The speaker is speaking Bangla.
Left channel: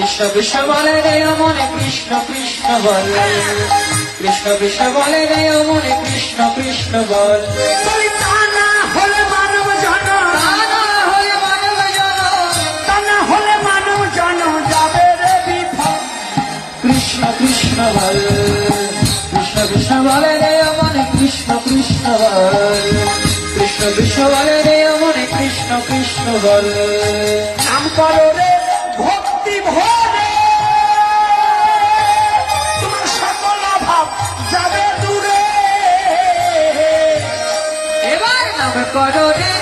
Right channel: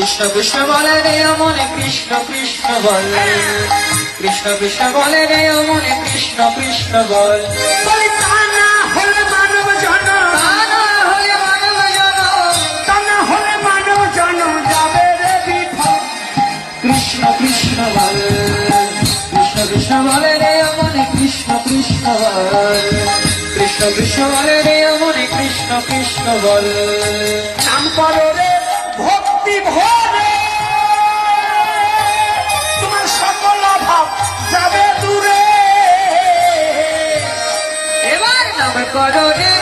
কৃষ্ণ কৃষ্ণ বলে রে মনে কৃষ্ণ কৃষ্ণ বল, কৃষ্ণ কৃষ্ণ বলে রে মনে কৃষ্ণ কৃষ্ণ বল। কৃষ্ণ কৃষ্ণ বল, কৃষ্ণ কৃষ্ণ বলে রে মনে কৃষ্ণ কৃষ্ণ বল, কৃষ্ণ কৃষ্ণ বলে রে মনে কৃষ্ণ কৃষ্ণ বল। নাম করো রে ভক্তি ভরে, তোমার সকল ভাব যাবে দূরে। এবার নাম করো রে